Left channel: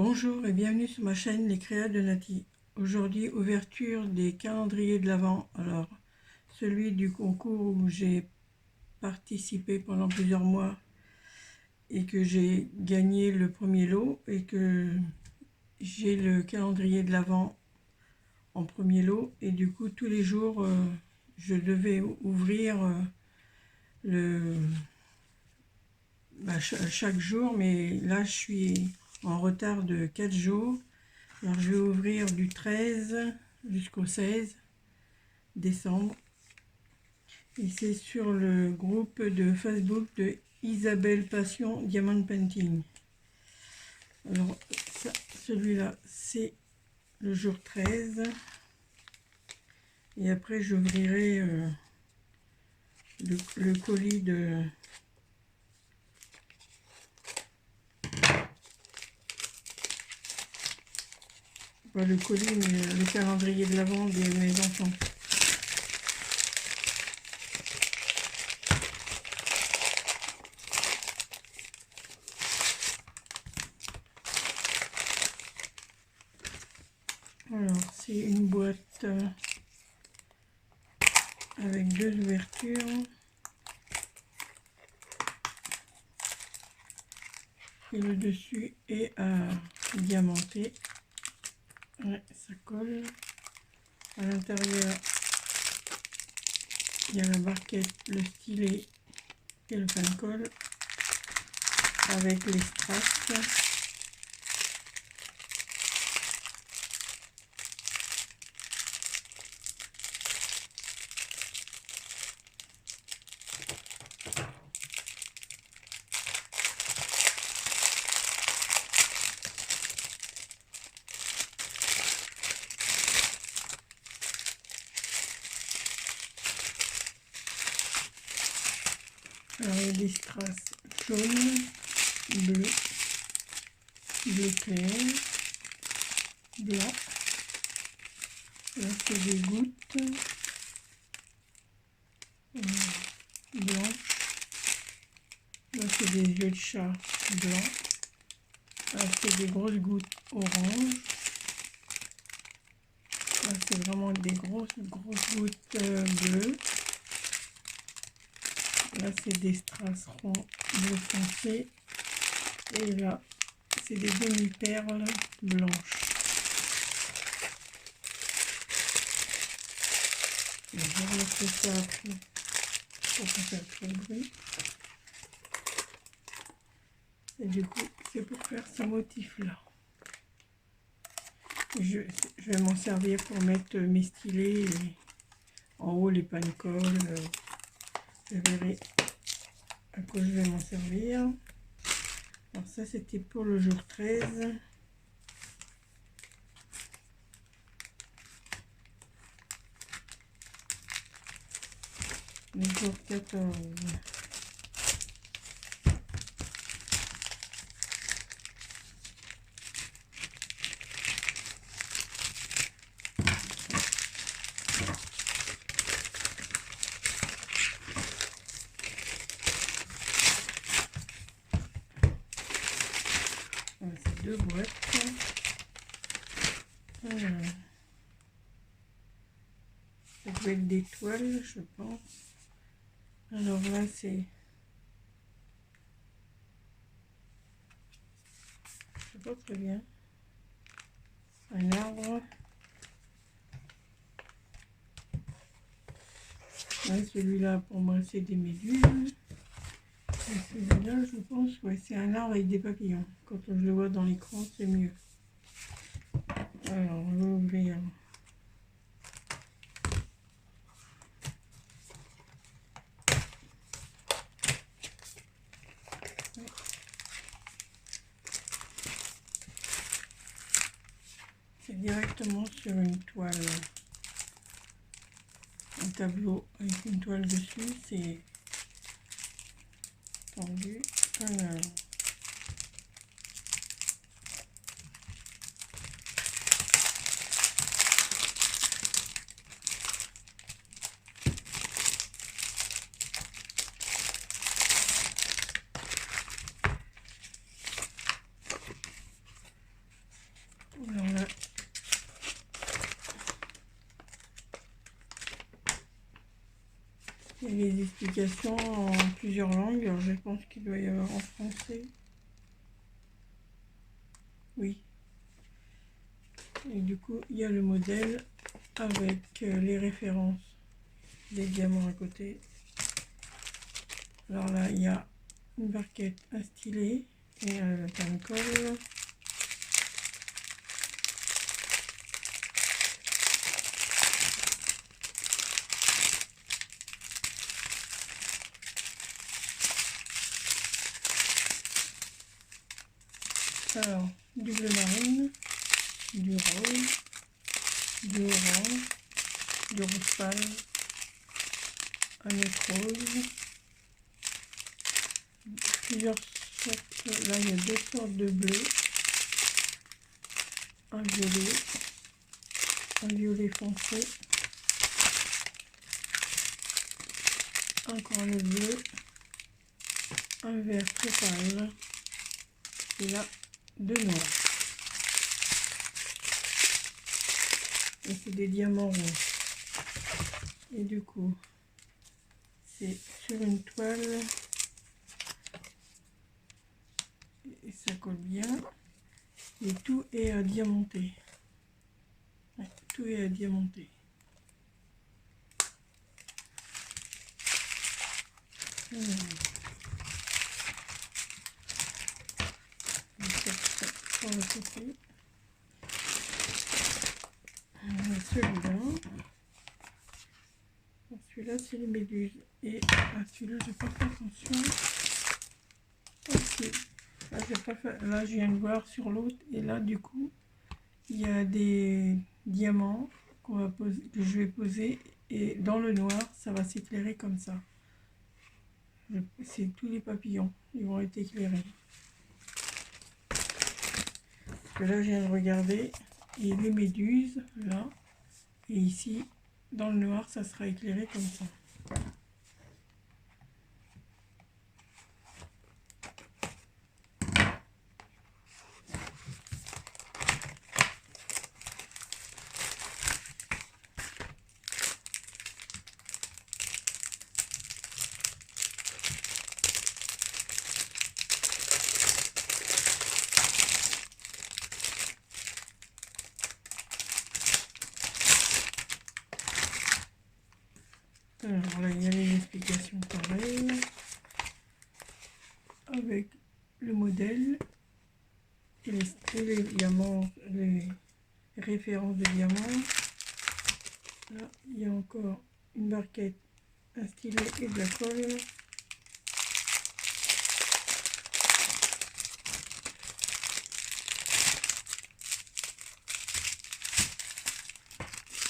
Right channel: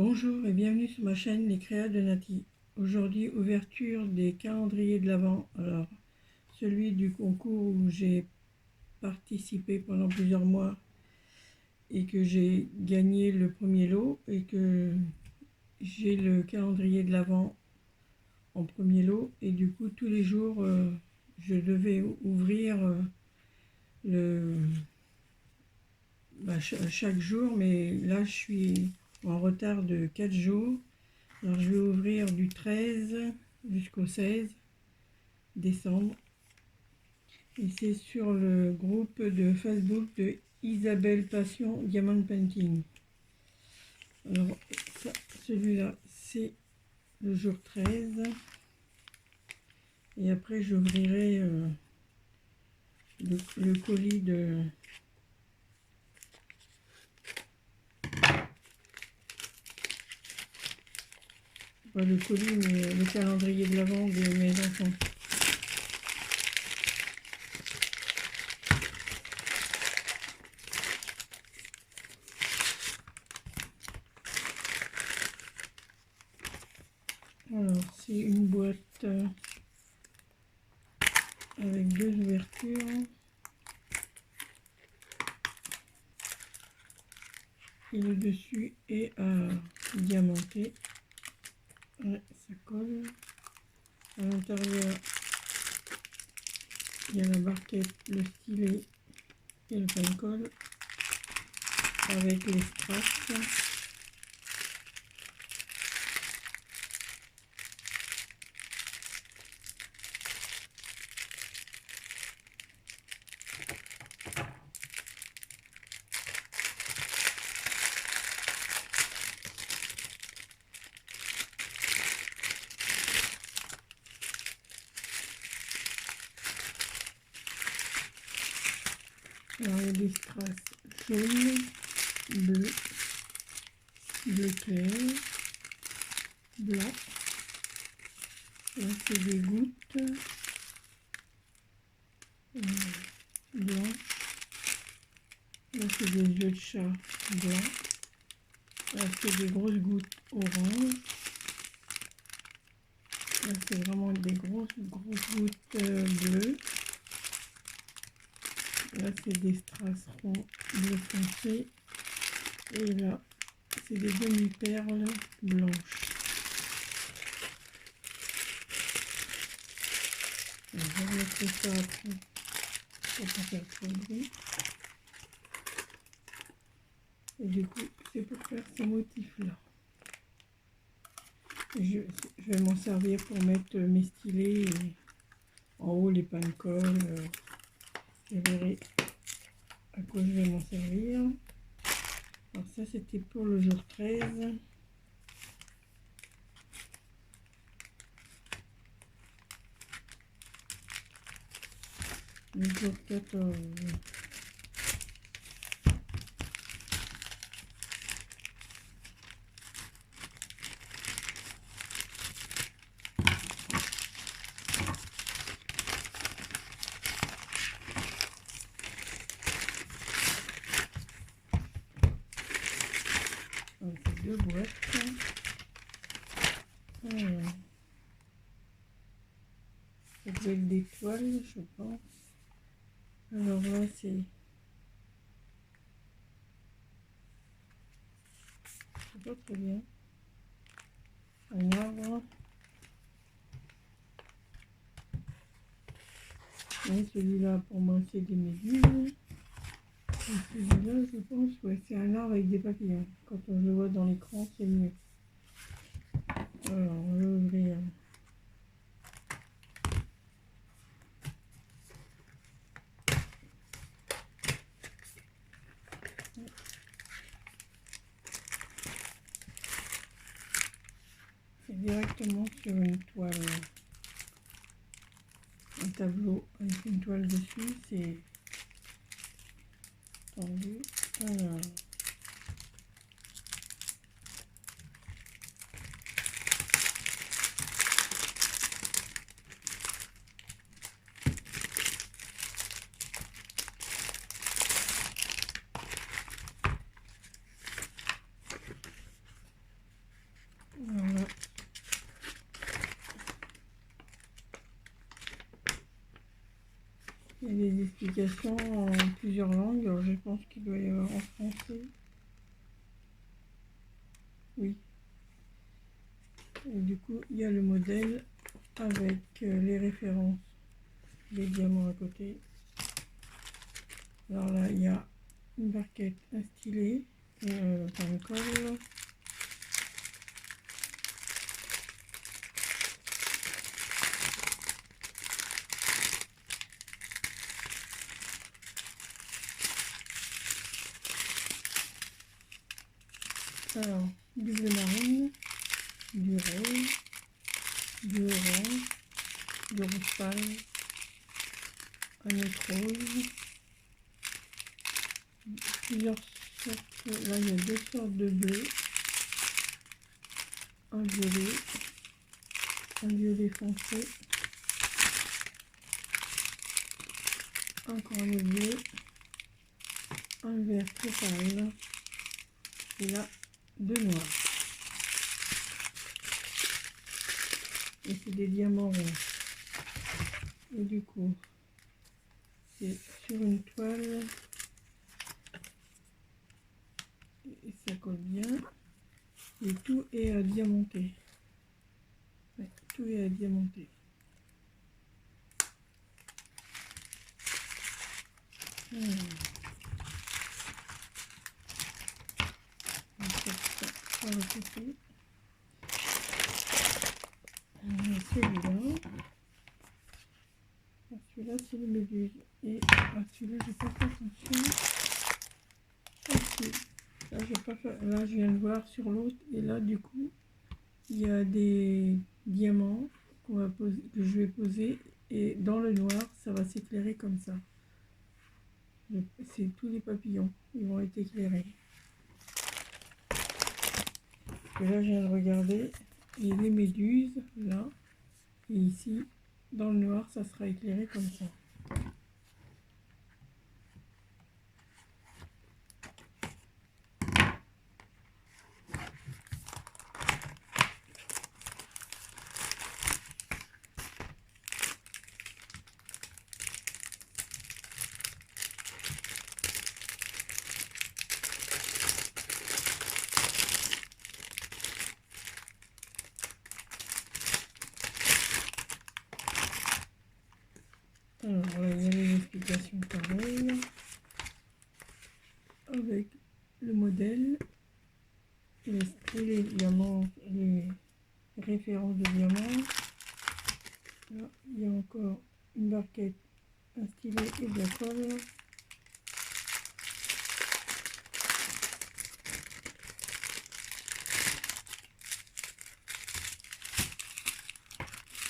Bonjour et bienvenue sur ma chaîne Les Créas de Nati. Aujourd'hui, ouverture des calendriers de l'Avent. Alors, celui du concours où j'ai participé pendant plusieurs mois et que j'ai gagné le premier lot et que j'ai le calendrier de l'Avent en premier lot. Et du coup, tous les jours, je devais ouvrir chaque jour, mais là, je suis en retard de 4 jours. Alors, je vais ouvrir du 13 jusqu'au 16 décembre. Et c'est sur le groupe de Facebook de Isabelle Passion Diamond Painting. Alors, celui-là, c'est le jour 13. Et après, j'ouvrirai le colis de... Pas le colis, mais le calendrier de l'Avent de mes enfants. Alors, c'est une boîte avec deux ouvertures. Et le dessus est diamanté. Ouais, ça colle. À l'intérieur, il y a la barquette, le stylet et le pain-colle avec les strass. Alors, il y a des strass jaunes, bleus, bleu clair, blanc. Là, c'est des gouttes blanches. Là, c'est des yeux de chat blancs. Là, c'est des grosses gouttes orange. Là, c'est vraiment des grosses gouttes bleues. Là, c'est des strass ronds bleu foncé. Et là, c'est des demi-perles blanches. Je vais remettre ça après pour pas faire trop de bruit. Et du coup, c'est pour faire ce motif-là. Je vais m'en servir pour mettre mes stylets et en haut les pain-colle. Je verrai à quoi je vais m'en servir. Alors ça, c'était pour le jour 13. Le jour 14. C'est deux boîtes. Voilà. Ça doit être des toiles, je pense. Alors là, c'est... Je sais pas très bien. Un arbre. Ouais, celui-là, pour moi, c'est des méduses. Et celui-là, je pense, ouais, c'est un arbre avec des papillons. Quand on le voit dans l'écran, c'est mieux. Alors, on va ouvrir. C'est directement sur une toile. Un tableau avec une toile dessus, c'est tendu. Alors, explications en plusieurs langues. Alors je pense qu'il doit y avoir en français. Oui. Et du coup, il y a le modèle avec les références des diamants à côté. Alors là, il y a une barquette, un stylet et un colle. Alors, du bleu marine, du rose, du orange, du rouge pâle, un autre rose, plusieurs sortes, là il y a deux sortes de bleu, un violet foncé, encore le bleu, un vert très pâle, et là deux noirs. Et c'est des diamants ronds. Et du coup, c'est sur une toile et ça colle bien. Et tout est diamanté. Ouais, tout est diamanté. Sur le côté. Celui-là, c'est les méduses. Et à celui-là, j'ai pas fait attention. Ici. Là, j'ai pas fait. Là, je viens de voir sur l'autre. Et là, du coup, il y a des diamants qu'on va poser, que je vais poser. Et dans le noir, ça va s'éclairer comme ça. C'est tous les papillons. Ils vont être éclairés. Parce que là, je viens de regarder. Et les méduses, là. Et ici, dans le noir, ça sera éclairé comme ça. Alors là, il y a une explication pareille avec le modèle et les diamants, les références de diamants. Là, il y a encore une barquette, un stylet et de la colle.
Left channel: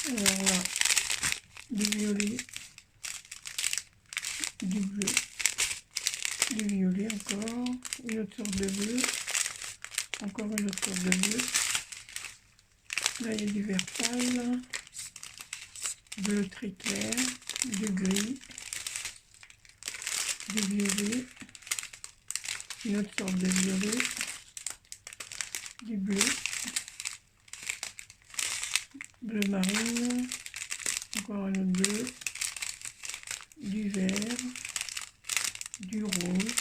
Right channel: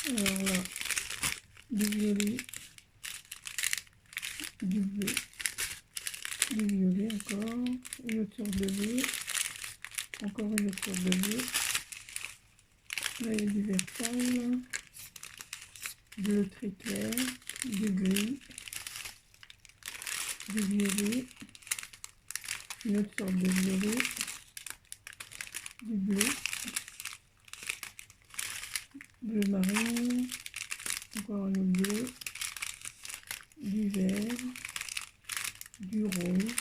Alors là, du violet, du bleu, du violet encore, une autre sorte de bleu, encore une autre sorte de bleu. Là, il y a du vert pâle, bleu très clair, du gris, du violet, une autre sorte de violet, du bleu, bleu marine, encore un autre bleu, du vert, du rose,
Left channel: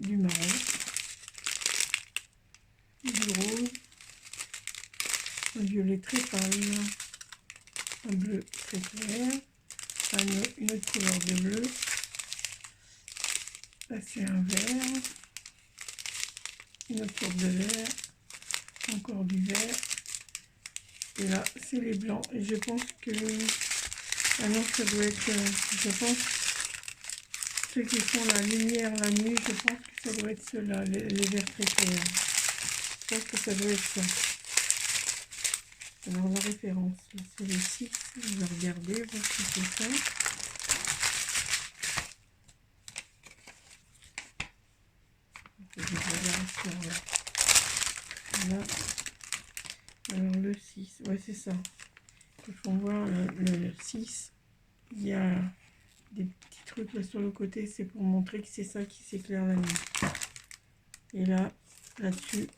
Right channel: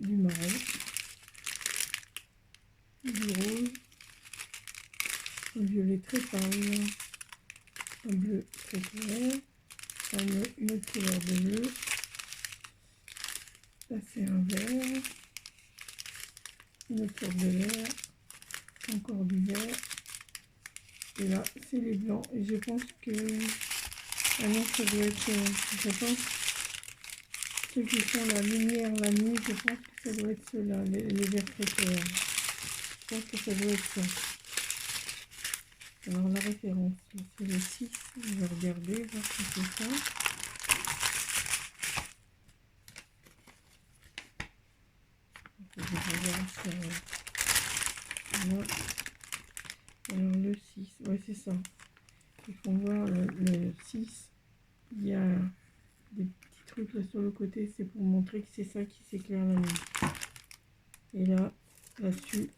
du marron, du rose, un violet très pâle, un bleu très clair, une autre couleur de bleu, là c'est un vert, une autre sorte de vert, encore du vert, et là c'est les blancs, et je pense que maintenant ça doit être, je pense, ceux qui font la lumière la nuit, je pense que ça doit être ceux-là, les verts très clairs. Je pense que ça doit être ça. Alors la référence, c'est le 6, on va regarder, voir si c'est ça. Je vais regarder sur là. Alors le 6, ouais c'est ça. Il faut voir le 6, il y a des petits trucs là sur le côté, c'est pour montrer que c'est ça qui s'éclaire la nuit. Et là-dessus,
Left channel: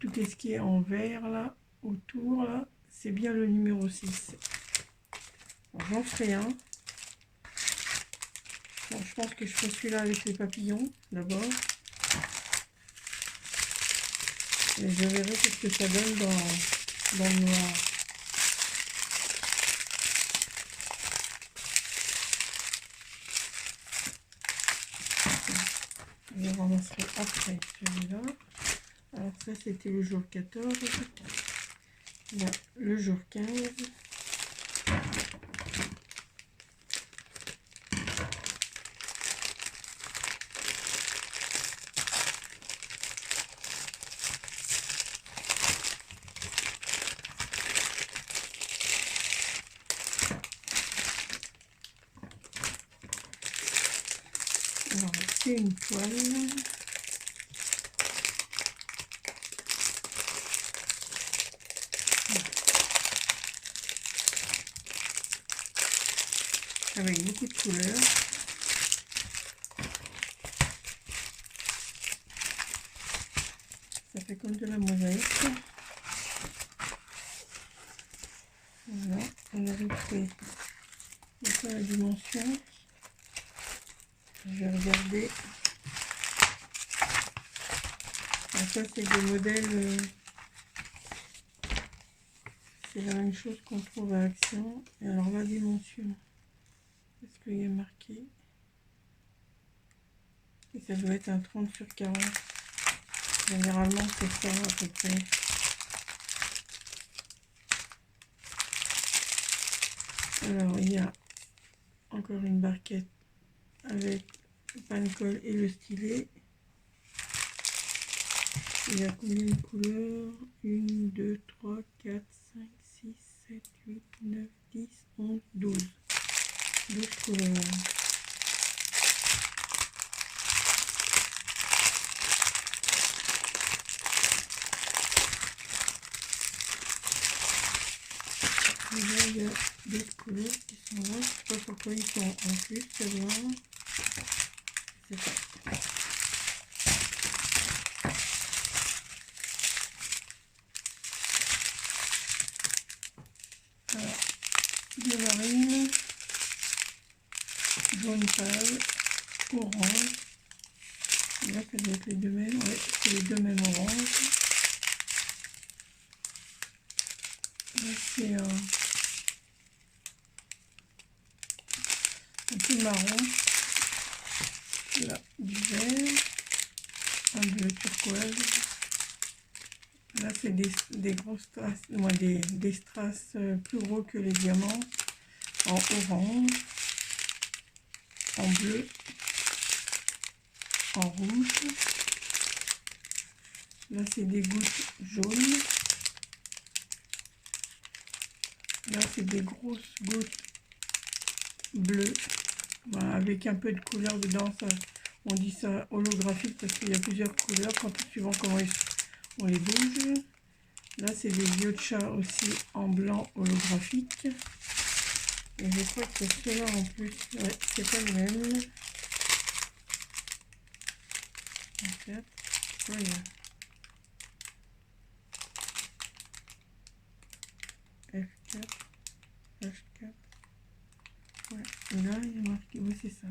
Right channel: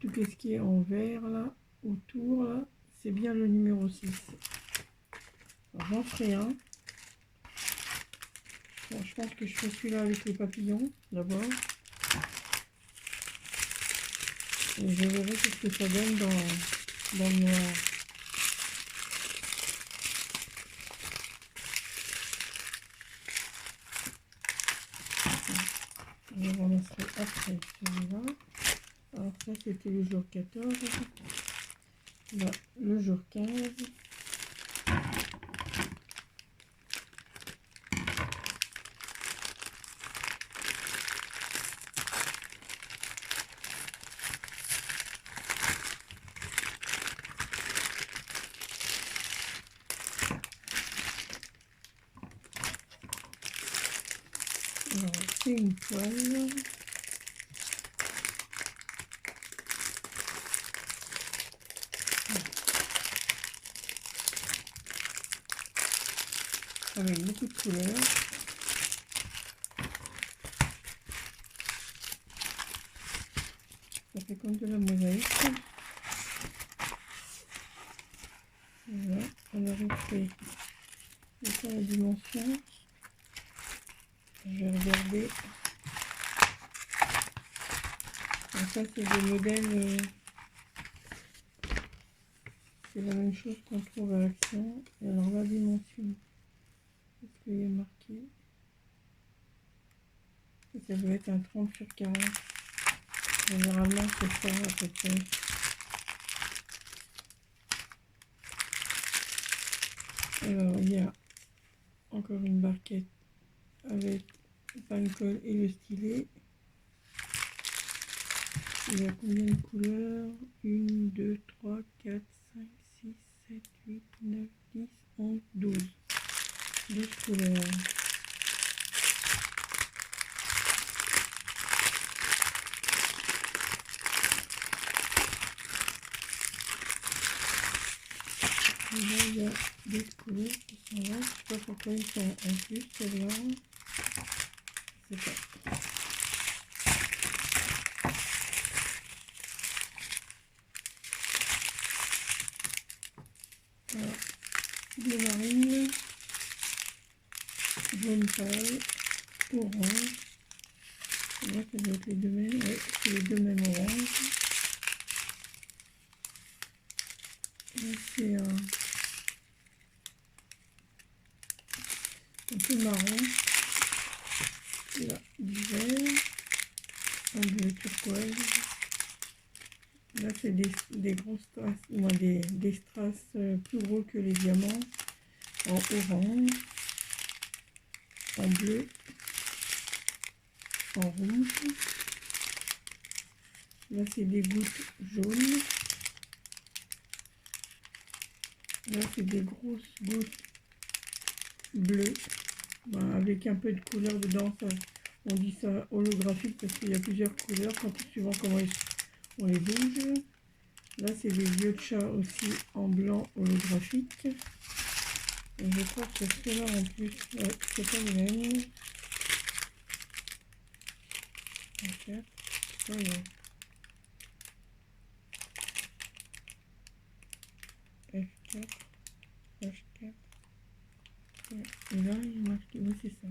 tout ce qui est en vert là, autour là, c'est bien le numéro 6. J'en ferai un. Bon, je pense que je ferai celui-là avec les papillons d'abord. Et je verrai ce que ça donne dans le noir. Je ramasserai après celui-là. Alors ça c'était le jour 14. Là, le jour 15. Alors c'est une toile. Avec beaucoup de couleurs. Ça fait comme de la mosaïque. Voilà, on a refait la dimension. Je vais regarder. Alors ça c'est des modèles. C'est la même chose qu'on trouve à Action. Et alors la dimension. Est-ce qu'il y a marqué? Et ça doit être un 30 sur 40. Généralement c'est ça à peu près. Alors il y a encore une barquette avec le pagne-colle et le stylet. Il y a combien de couleurs? 1, 2, 3, 4, 5, 6, 7, 8, 9, 10, 11, 12. 12 couleurs. Et là, il y a des couleurs qui sont là. Je ne sais pas pourquoi ils sont en plus, celle-là. C'est ça. Alors, bleu marine, jaune pâle, orange. Et là, ça doit être les deux mêmes. Oui, c'est les deux mêmes oranges. Là, c'est un peu marron. Là, du vert, un bleu turquoise. Là, c'est des grosses strass, des strass plus gros que les diamants, en orange, en bleu, en rouge. Là, c'est des gouttes jaunes. Là, c'est des grosses gouttes bleues, voilà, avec un peu de couleur dedans. Ça, on dit ça holographique parce qu'il y a plusieurs couleurs, suivant comment on les bouge. Là, c'est des yeux de chat aussi en blanc holographique. Et je crois que ceux-là en plus, ouais, c'est pas le même. En fait, voilà. F4, H4. Ouais, là, il y a marqué, oui, c'est ça.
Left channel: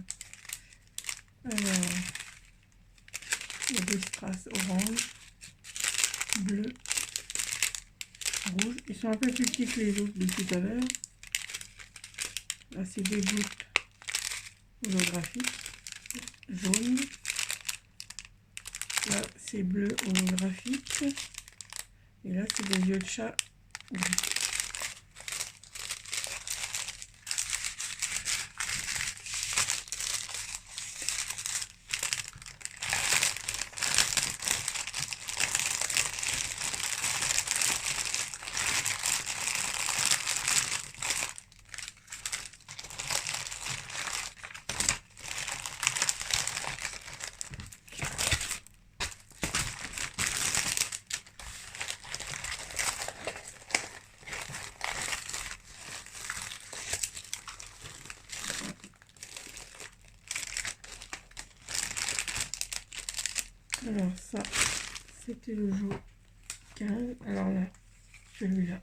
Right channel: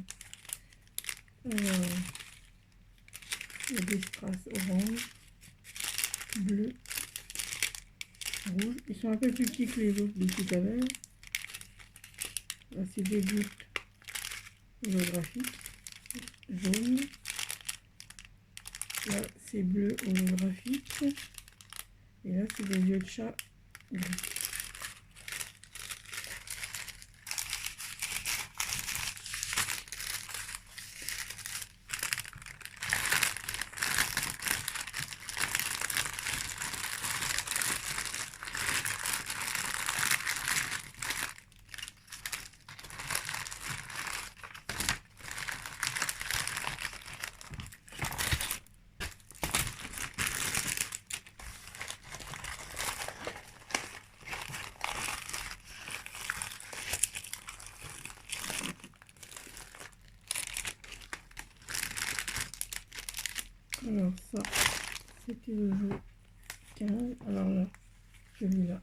Alors, il y a des strass orange, bleu, rouge. Ils sont un peu plus petits que les autres de tout à l'heure. Là, c'est des gouttes holographiques, jaune. Là, c'est bleu holographique. Et là, c'est des yeux de chat gris. Alors ça, c'était le jour 15. Alors là, celui-là,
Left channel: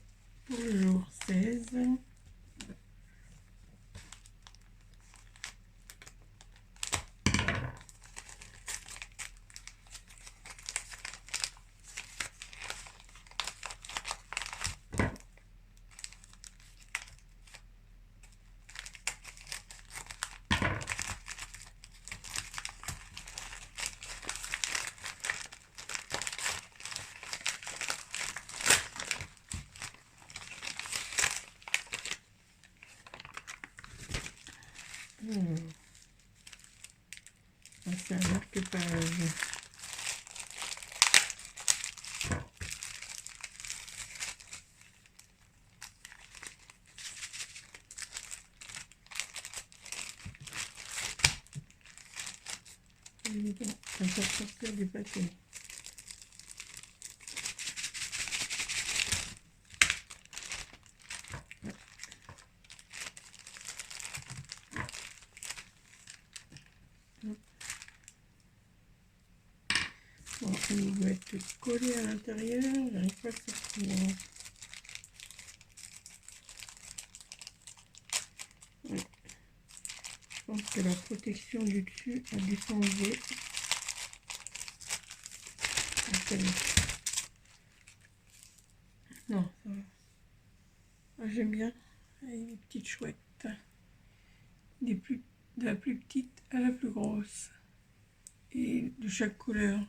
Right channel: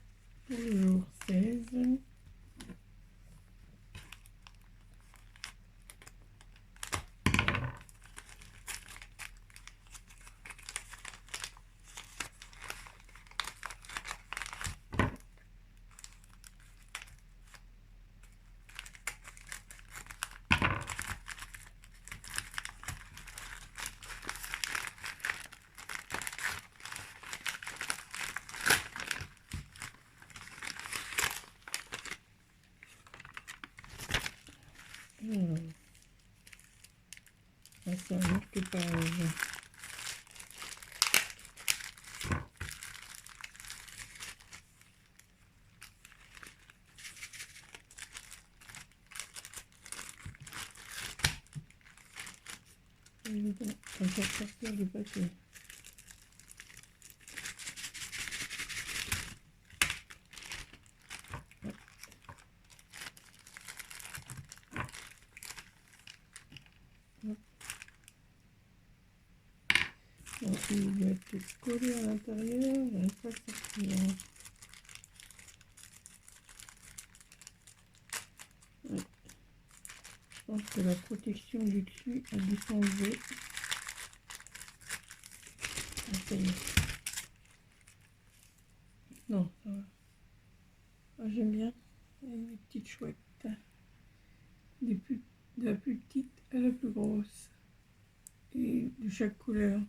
pour le jour 16. faire du papier. On va mettre collé à l'intérieur, j'arrive pas à le sortir. Oui. Je pense que la protection du dessus a dû s'enlever. Non, ça va. Ah, j'aime bien les petites chouettes. De la plus petite à la plus grosse. Et de chaque couleur.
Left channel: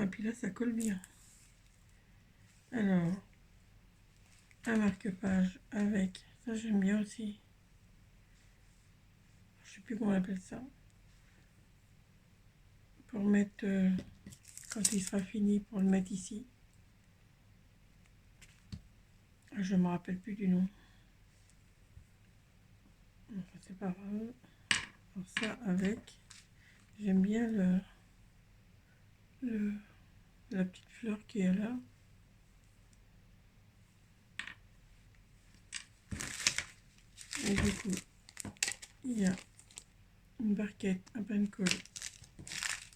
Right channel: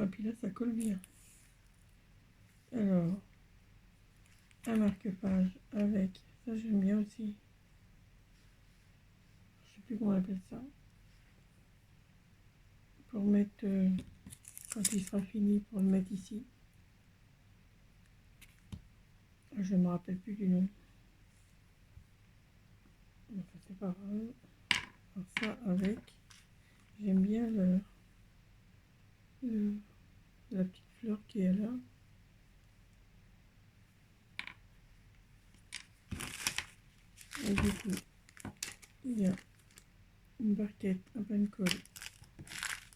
Ah, puis là, ça colle bien. Alors, un marque-page avec, ça j'aime bien aussi. Je sais plus comment on appelle ça. Pour mettre, quand il sera fini, pour le mettre ici. Je ne me rappelle plus du nom. Enfin, c'est pas grave. Alors ça avec, j'aime bien la petite fleur qui est là. Et du coup, il y a une barquette, un pain-colle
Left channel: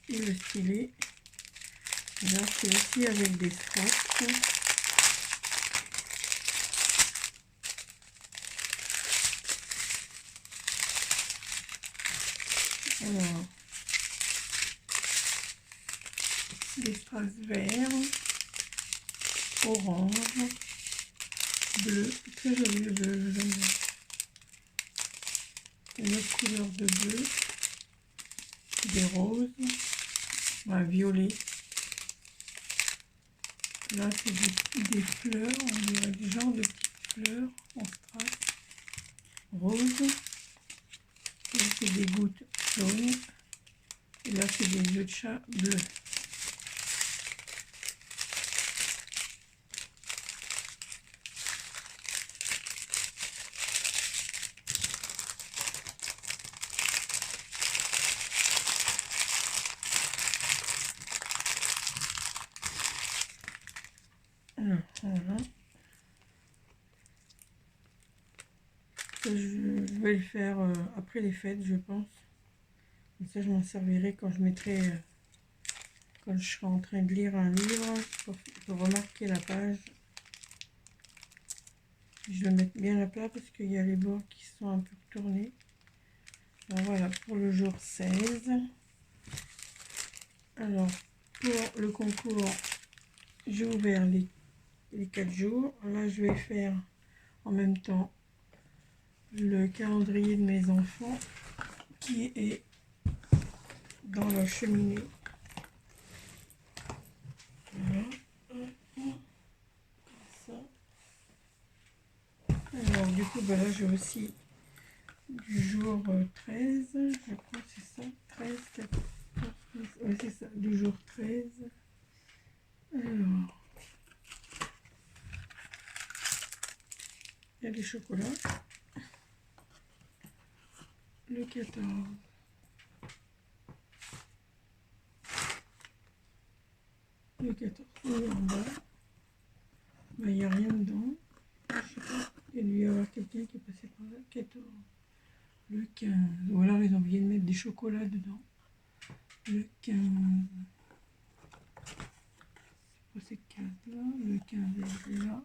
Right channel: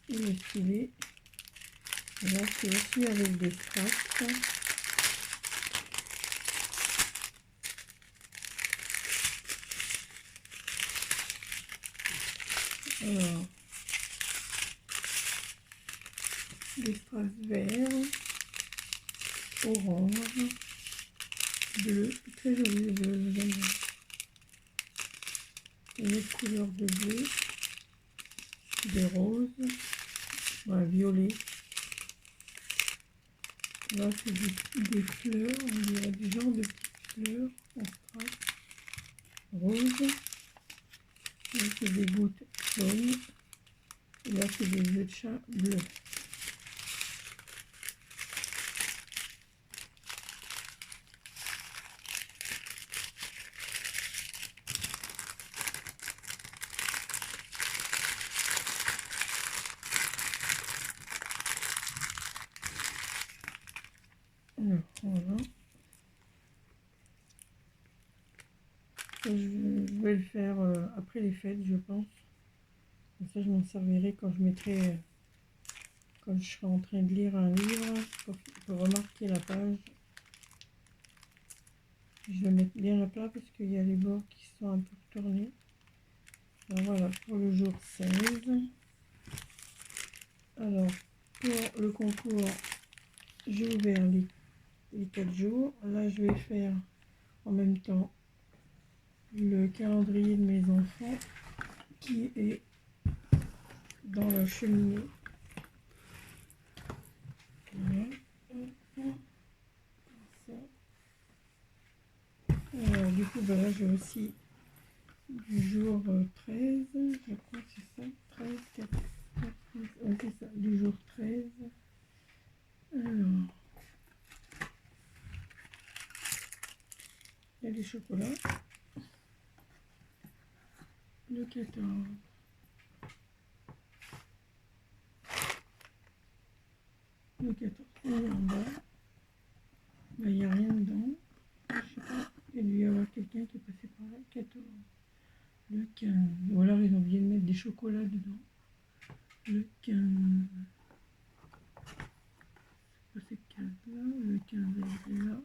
et le stylet. Et là, c'est aussi avec des straps. Alors, des strass verts, orange, bleu, très joli le bleu, j'aime bien. Une autre couleur de bleu, des roses, bah, violet. Là, c'est des fleurs, on dirait du genre de petites fleurs en strass, rose. Là, c'est des gouttes jaunes. Et là, c'est des yeux de chat bleus. Voilà. Ça, je vais le faire après les fêtes, je pense. Et ça, je m'en servirai quand je mettrai, quand je serai en train de lire un livre, pour remarquer la page. Je vais mettre bien à plat parce qu'il y a les bords qui sont un peu retournés. Alors voilà, pour le jour 16. Alors, pour le concours, j'ai ouvert les 4 jours. Là, je vais faire en même temps le calendrier de mes enfants qui est dans la cheminée. Voilà. Alors, du coup, bah là, j'ai aussi du jour 13, je crois que c'est ça, 13, 14, 13, ouais, c'est ça, du jour 13. Alors, il y a des chocolats. Le 14. Le 14, il est en bas. Ben, il n'y a rien dedans. Je sais pas, il doit y avoir quelqu'un qui est passé par là. 14. Le 15. Ou alors ils ont oublié de mettre des chocolats dedans. Le 15. C'est pas ces 15 là. Le 15 est là.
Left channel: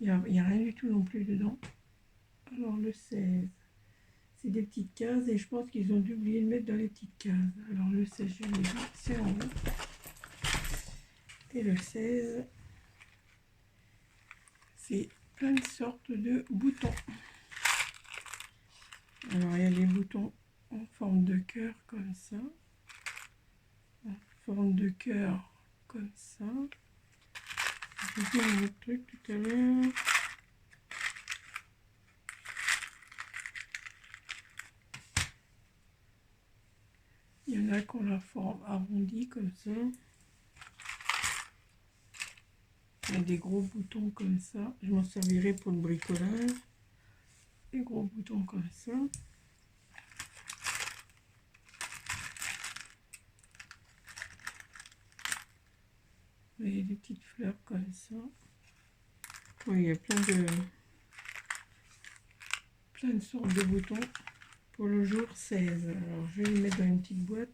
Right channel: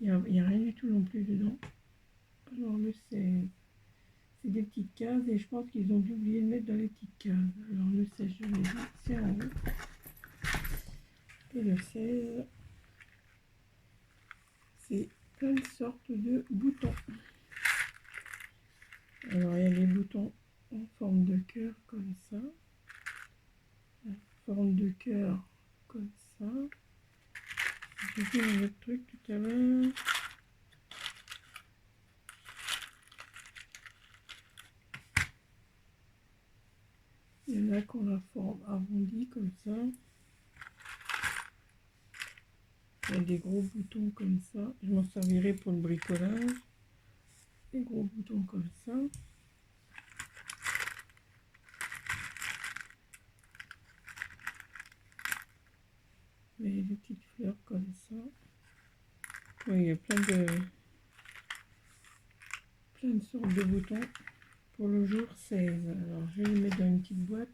Il n'y a rien du tout non plus dedans. Alors le 16. C'est des petites cases et je pense qu'ils ont dû oublier de mettre dans les petites cases. Alors le 16, je vais c'est en haut. Et le 16, c'est plein de sortes de boutons. Alors il y a des boutons en forme de cœur comme ça. En forme de cœur comme ça. J'ai vu un autre truc tout à l'heure. Il y en a qui ont la forme arrondie comme ça. a des gros boutons comme ça. Je m'en servirai pour le bricolage. Des gros boutons comme ça. Et des petites fleurs comme ça. Oui, il y a plein de sortes de boutons pour le jour 16. Alors, je vais les mettre dans une petite boîte.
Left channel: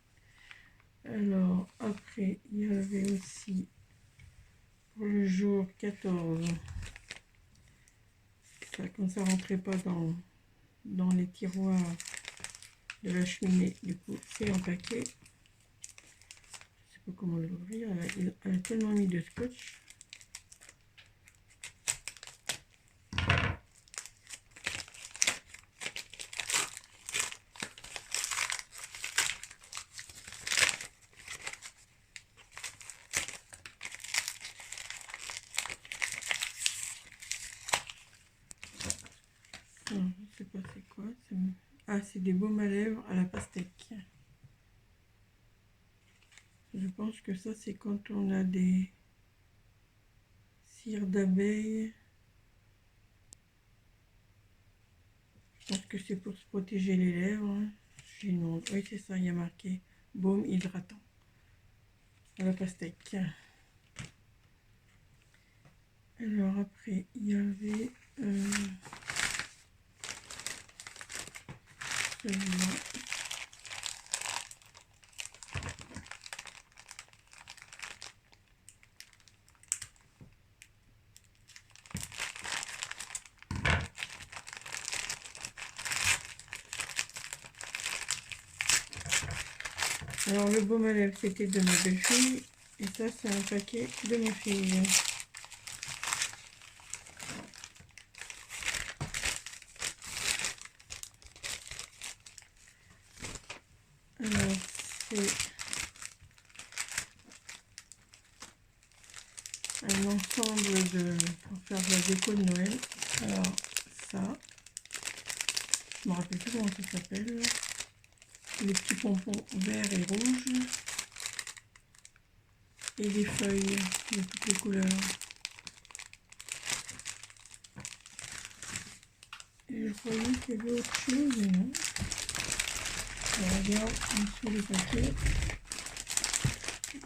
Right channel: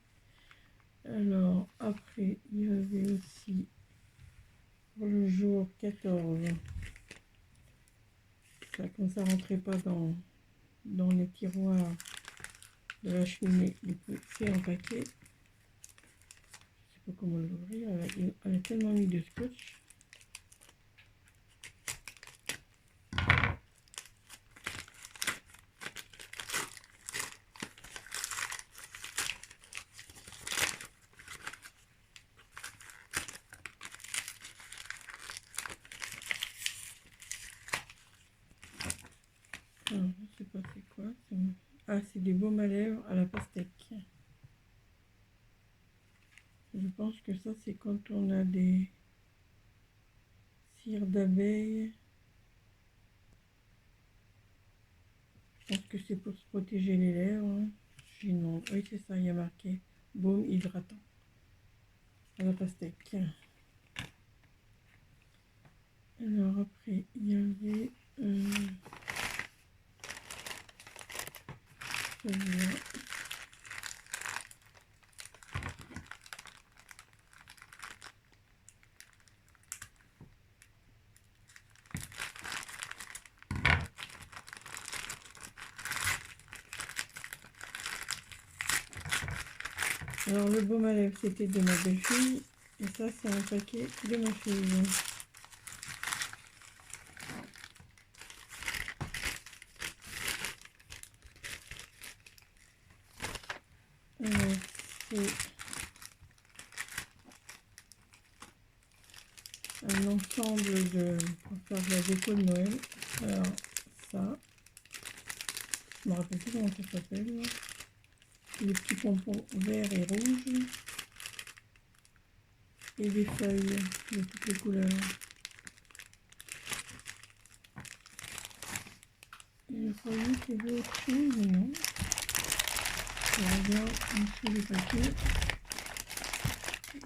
Alors, après, il y avait aussi pour le jour 14. Ça, comme ça rentrait pas dans les tiroirs de la cheminée. Du coup, c'est en paquet. Je sais pas comment l'ouvrir. Elle a tellement mis de scotch. Alors, je sais pas c'est quoi. Ah, c'est des baumes à lèvres à la pastèque. Je pense que ça, c'est quand on a des cires d'abeilles. Je pense que c'est pour se protéger les lèvres. Hein. Oui, c'est ça, il y a marqué baume hydratant à la pastèque. Alors après, il y avait celui-là. Alors le baume à lèvres, c'était de ma belle-fille. Et ça, c'est un paquet de ma fille. Alors, c'est un ensemble pour faire de la déco de Noël. Alors, ça, je me rappelle plus comment ça s'appelle. Les petits pompons verts et rouges. Et des feuilles de toutes les couleurs. Et je croyais qu'il y avait autre chose, mais non. Je regarde sur les paquets.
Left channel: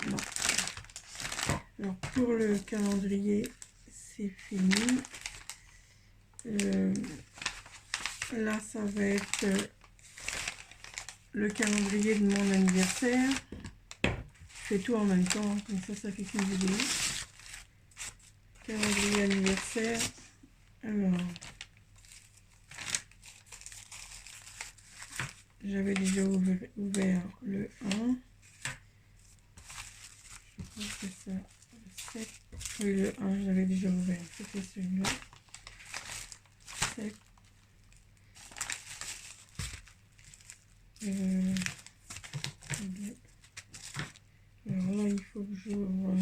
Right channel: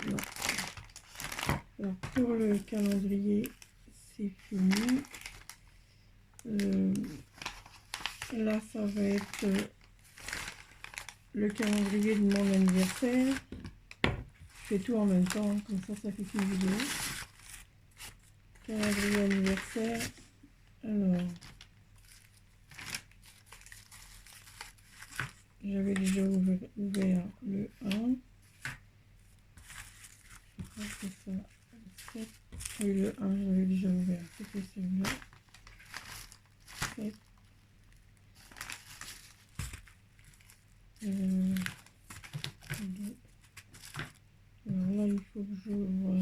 Non. Alors pour le calendrier, c'est fini. Là, ça va être le calendrier de mon anniversaire. Je fais tout en même temps, comme ça fait qu'une vidéo. Calendrier anniversaire. Alors, j'avais déjà ouvert le 1. Je pense que ça, le 7. Oui, le 1, j'avais déjà ouvert. C'était celui-là. 7. Alors là, il faut que j'ouvre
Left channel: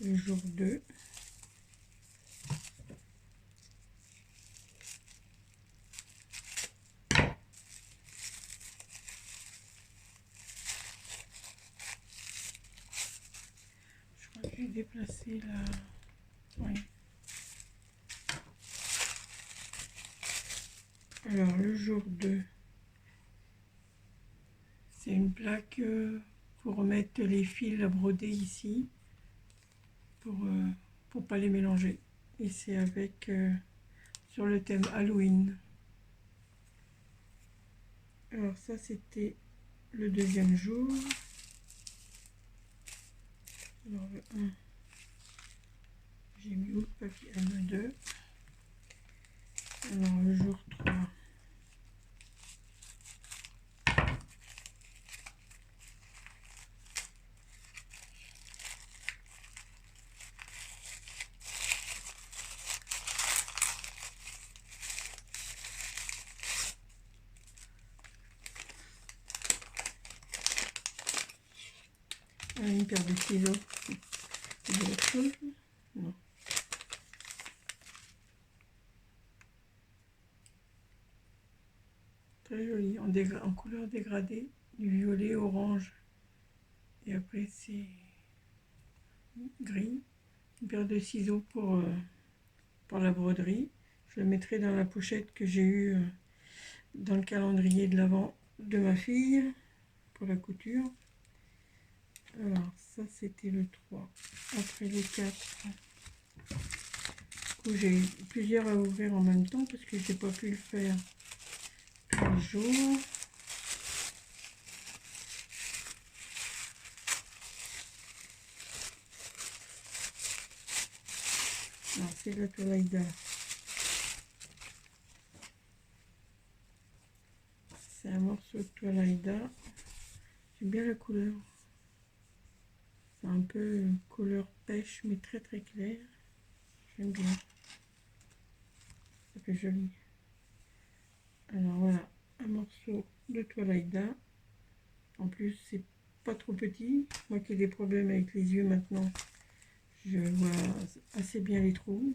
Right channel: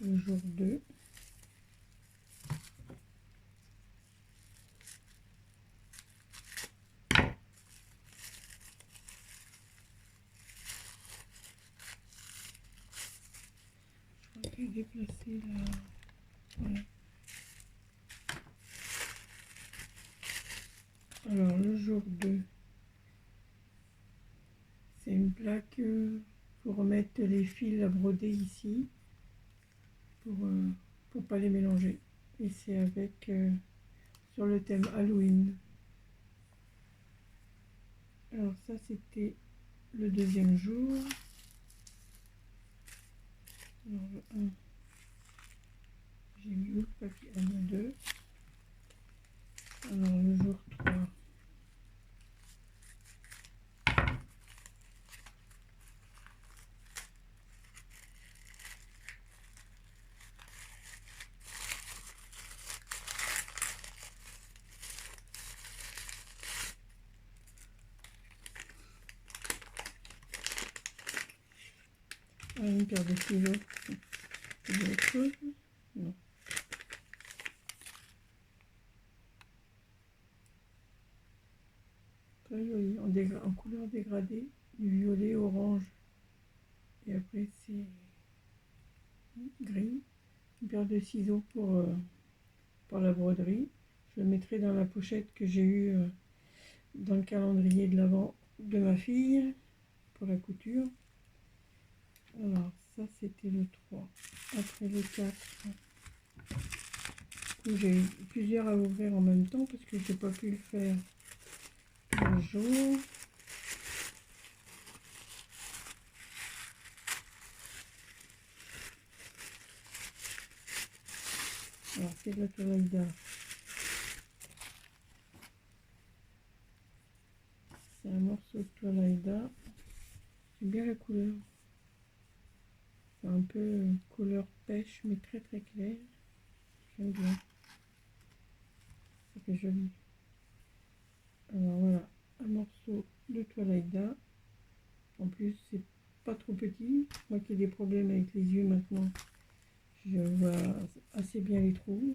le jour 2. Je crois que j'ai déplacé la... Oui. Alors, le jour 2, c'est une plaque pour mettre les fils à broder ici, pour pas les mélanger. Et c'est avec, sur le thème Halloween. Alors ça, c'était le deuxième jour. Alors le 1, j'ai mis où le papier? Le 2. Alors le jour 3. Une paire de stylos. C'est de l'autre chose? Non. Très joli, en couleur dégradée, du violet orange. Et après c'est gris, une paire de ciseaux pour la broderie. Je le mettrai dans la pochette que j'ai eue dans le calendrier de l'Avent de ma fille pour la couture. Alors ça c'était le 3. Après le 4, j'ai plusieurs à ouvrir en même temps parce que je n'ai pas pu le faire tous les jours. Alors c'est de la toile Aïda. C'est un morceau de toile Aïda. J'aime bien la couleur. C'est un peu couleur pêche mais très très clair. J'aime bien. Ça fait joli. Alors voilà, un morceau de toile Aïda. En plus c'est pas trop petit. Moi qui ai des problèmes avec les yeux maintenant, je vois assez bien les trous.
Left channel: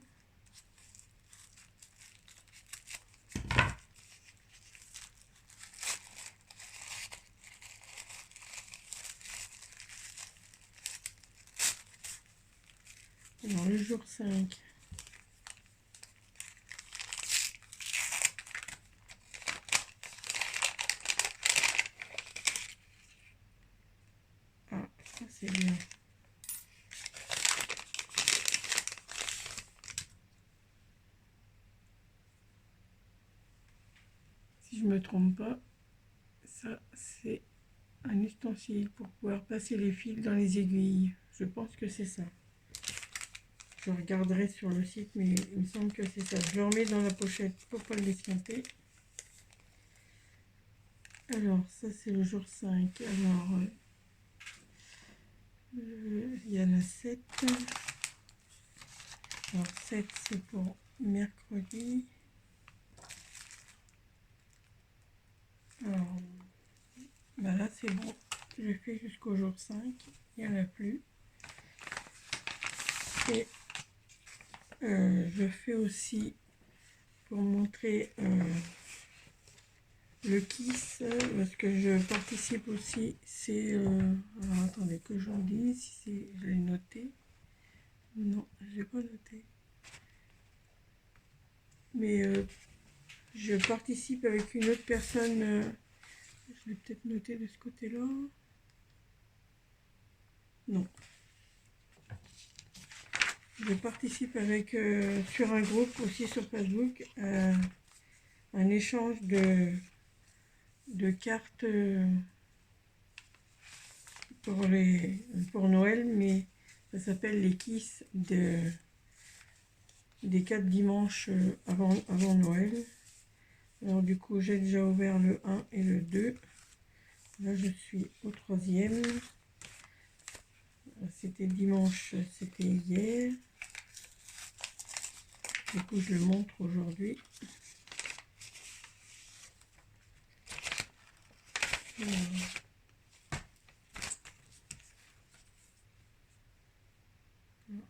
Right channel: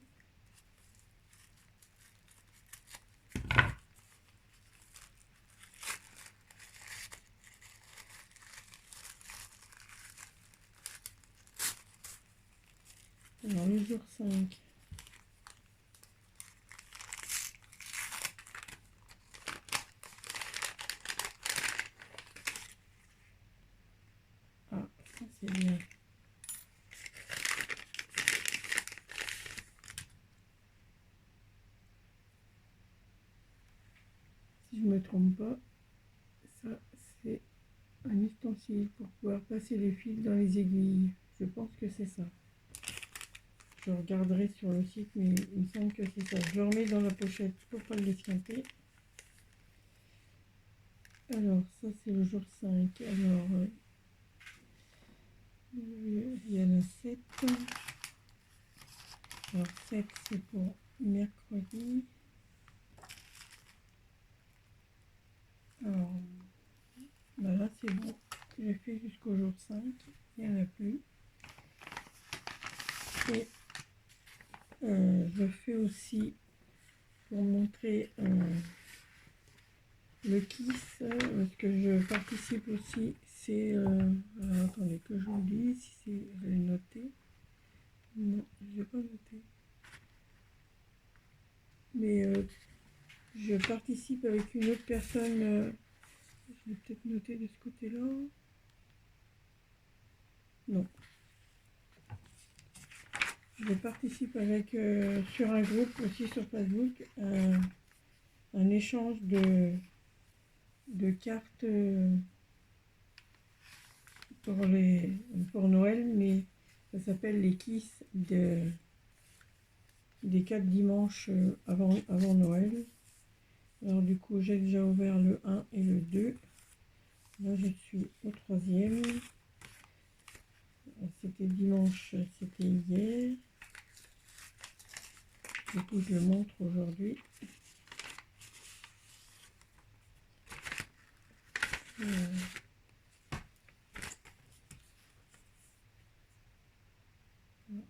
Alors le jour 5. Ah, ça c'est bien. Si je me trompe pas, ça c'est un ustensile pour pouvoir passer les fils dans les aiguilles. Je pense que c'est ça. Je regarderai sur le site, mais il me semble que c'est ça. Je le remets dans la pochette pour pas le l'esquinter. Alors, ça c'est le jour 5. Alors, il y a la 7. Alors, 7 c'est pour mercredi. Alors, ben là c'est bon. Je fais jusqu'au jour 5. Il n'y en a plus. Et je fais aussi pour montrer le kiss, parce que je participe aussi, c'est attendez que je vous dise si je l'ai noté. Non, j'ai pas noté. Mais je participe avec une autre personne. Je l'ai peut-être noté de ce côté-là. Non. Je participe avec sur un groupe aussi sur Facebook, un échange de cartes pour Noël, mais ça s'appelle les Kiss des 4 dimanches avant Noël. Alors du coup j'ai déjà ouvert le 1 et le 2. Là je suis au 3e. C'était dimanche, c'était hier. Du coup je le montre aujourd'hui. Un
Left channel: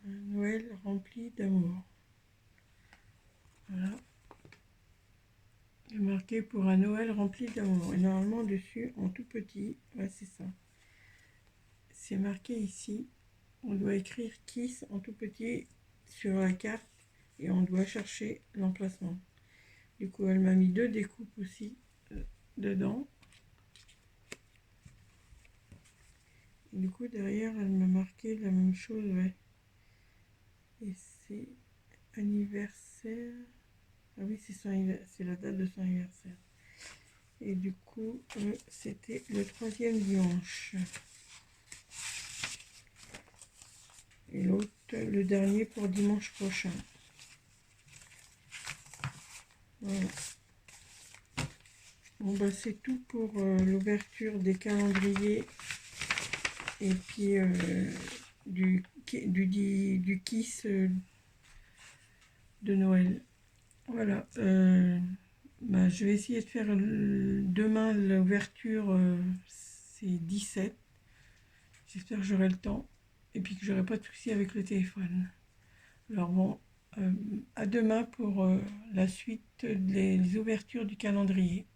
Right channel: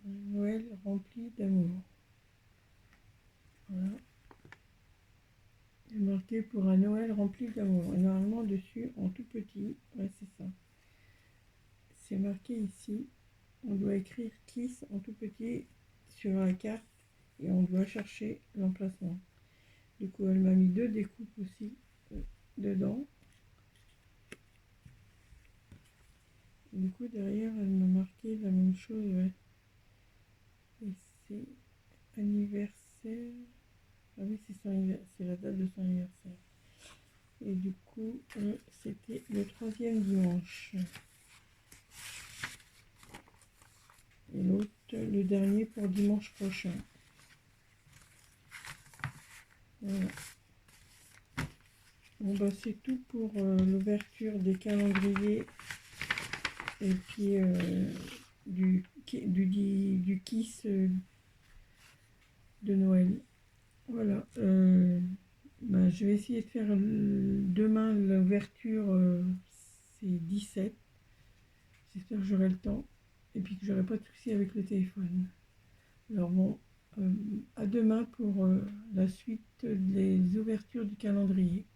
Noël rempli d'amour. Voilà. Il est marqué pour un Noël rempli d'amour. Et normalement dessus, en tout petit, ouais c'est ça. C'est marqué ici. On doit écrire Kiss en tout petit sur la carte et on doit chercher l'emplacement. Du coup, elle m'a mis 2 découpes aussi dedans. Et du coup, derrière, elle m'a marqué la même chose, ouais. Et c'est anniversaire. Ah oui, c'est la date de son anniversaire. Et du coup, c'était le 3e dimanche. Et l'autre, le dernier pour dimanche prochain. Voilà. Bon bah c'est tout pour l'ouverture des calendriers et puis du kiss de Noël. Voilà. Bah, je vais essayer de faire demain l'ouverture, c'est 17. J'espère que j'aurai le temps et puis que j'aurai pas de soucis avec le téléphone. Alors bon, à demain pour la suite des ouvertures du calendrier.